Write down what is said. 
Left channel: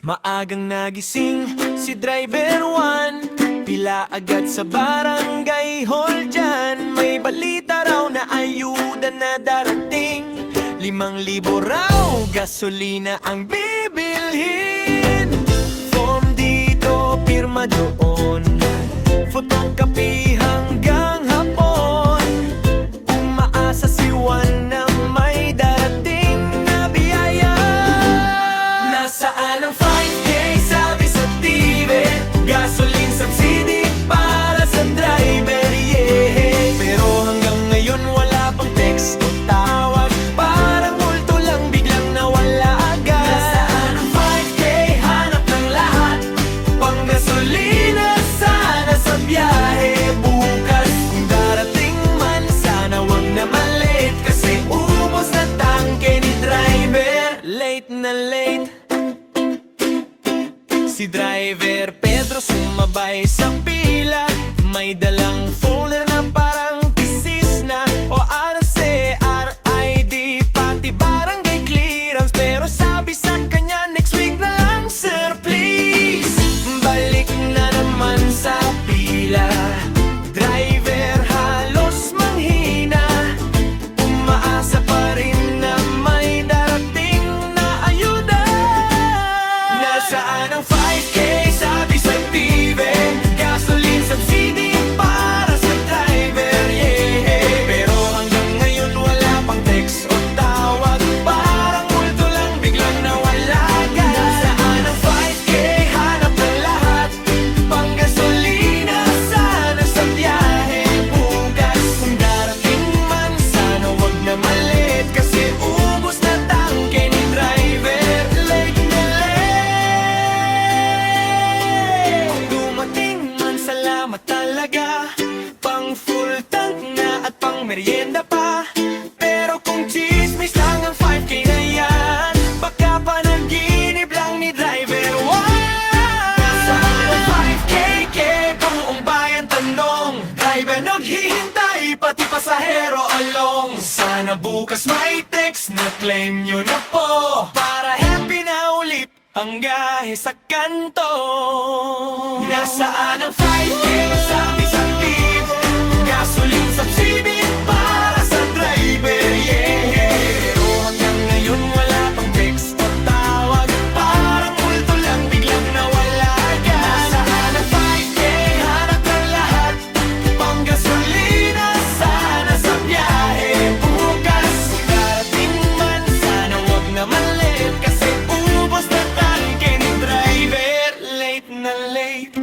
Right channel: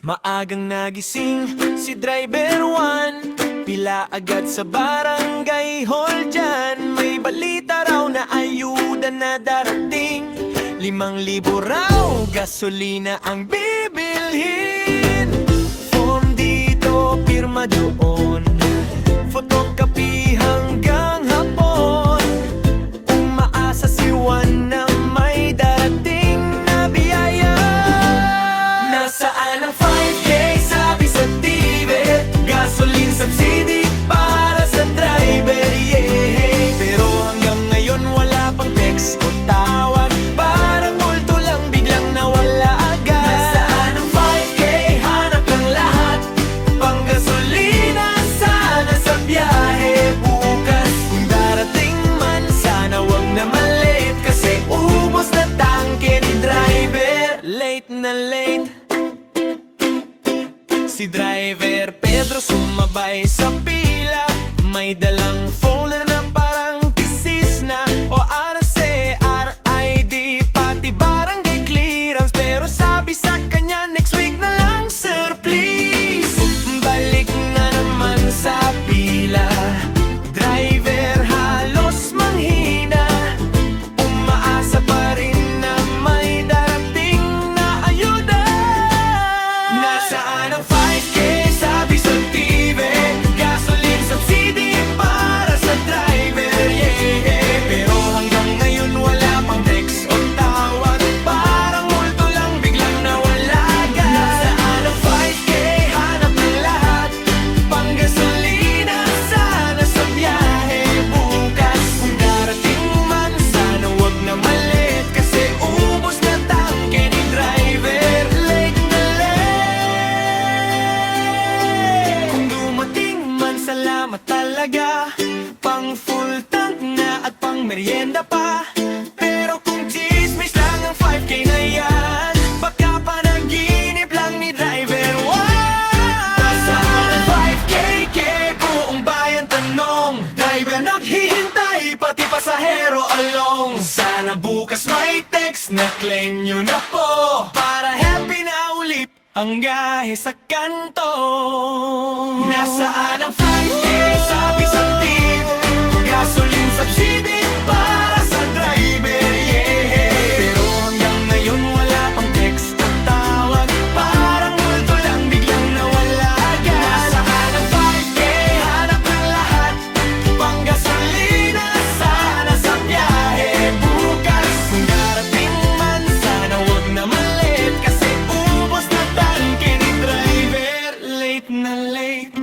Maagang nagising si driver one, pila agad sa barangay hall dyan. May balita raw na ayuda na darating, 5,000 raw gasolina ang bibilhin. Form dito, pirma doon, photocopy hanggang hapon. Umaasa si Juan na may darating na biyaya. Nasaan ang 5K sabi sa TV, gasoline subsidy para sa driver, yeah. Pero hanggang ngayon wala pang text o tawag, parang multo lang biglang nawala agad. Nasaan ang 5K, hanap ng lahat, pang gasolina sana sa biyahe bukas. Kung darating man sana wag na malate, kasi ubos na tangke ni driver. Late na late si driver Pedro, sumabay sa pila. May dalang folder na parang thesis na o RC, RID, pati barangay clearance. Pero sabi sa kanya, next week na lang sir please. Balik na naman sa pila, driver halos manghina. Umaasa pa rin na may darating na ayuda. Nasaan ang 5K sabi sa TV, gasoline subsidy para sa driver, yeah. Pero hanggang ngayon wala pang text o tawag, parang multo lang biglang nawala agad. Nasaan ang 5K, hanap ng lahat, pang gasolina sana sa biyahe bukas. Kung darating man sana wag na malit, kasi ubos na tangke ni driver. Late na late. Kung dumating man salamat talaga, pang full tank na at pang merienda pa. Pero kung chismis lang ang 5K na yan, baka panaginip lang ni driver. Wow! Saan ang 5K, buong bayan tanong, driver naghihintay, pati pasahero along. Sana bukas may text na claim nyo na po, para happy na ulit ang gahe sa kanto. Nasaan ang 5K sabi sa TV, gasoline subsidy para sa driver, yeah. Pero hanggang ngayon wala pang text o tawag, parang multo lang biglang nawala agad. Nasaan ang 5K, hanap ng lahat, pang gasolina sana sa biyahe bukas. Kung darating man sana wag na malit, kasi ubos na tangke ni driver. Late na late.